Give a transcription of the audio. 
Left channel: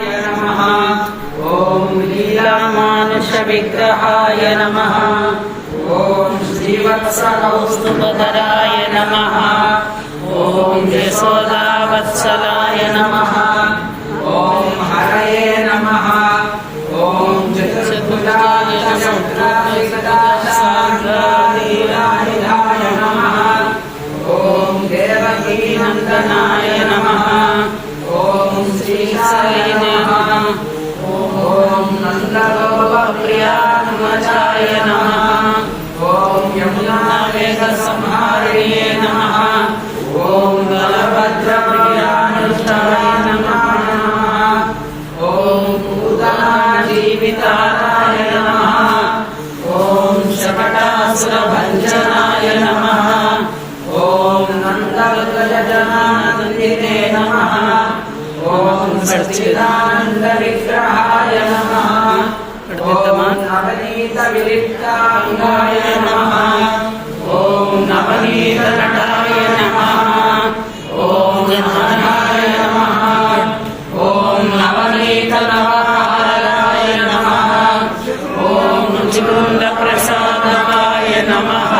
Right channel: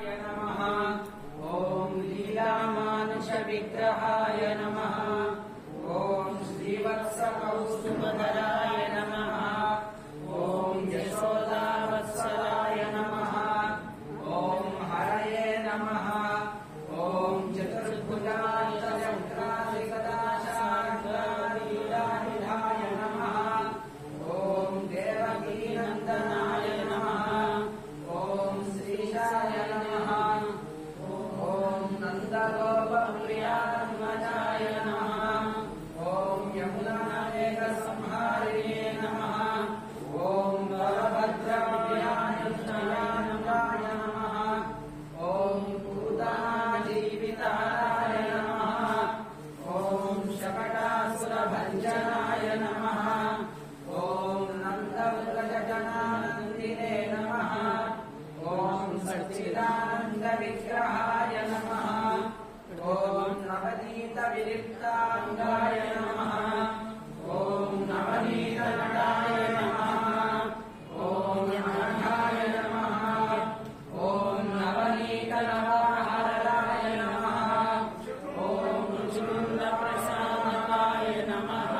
नमः। ओम लीलामानुष विग्रहाय नमः। ओम श्रीवत्सकौस्तुभधराय नमः। ओम यशोदावत्सलाय नमः। ओम हरये नमः। ओम चतुर्भुजाय शक्राय नमः। ओम देवकी नंदनाय नमः। ओम श्रीसाय नमः। ओम नंदगोपप्रियात्मजाय नमः। ओम यमुना वेग संहारिणे नमः। ओम बलभद्रप्रियानुष्ठाय नमः। ओम पूतना जीविताय नमः। ओम शकटासुरभञ्जनाय नमः। ओम नन्दव्रजजनानन्दिने नमः। ओम सच्चिदानंद विग्रहाय नमः। ओम नवनीत विलिप्तांगाय नमः। ओम नवनीत नटाय नमः। ओम नमनाय नमः। ओम नवनीत नवहाराय नमः। ओम चिकुंद प्रसादाय नमः।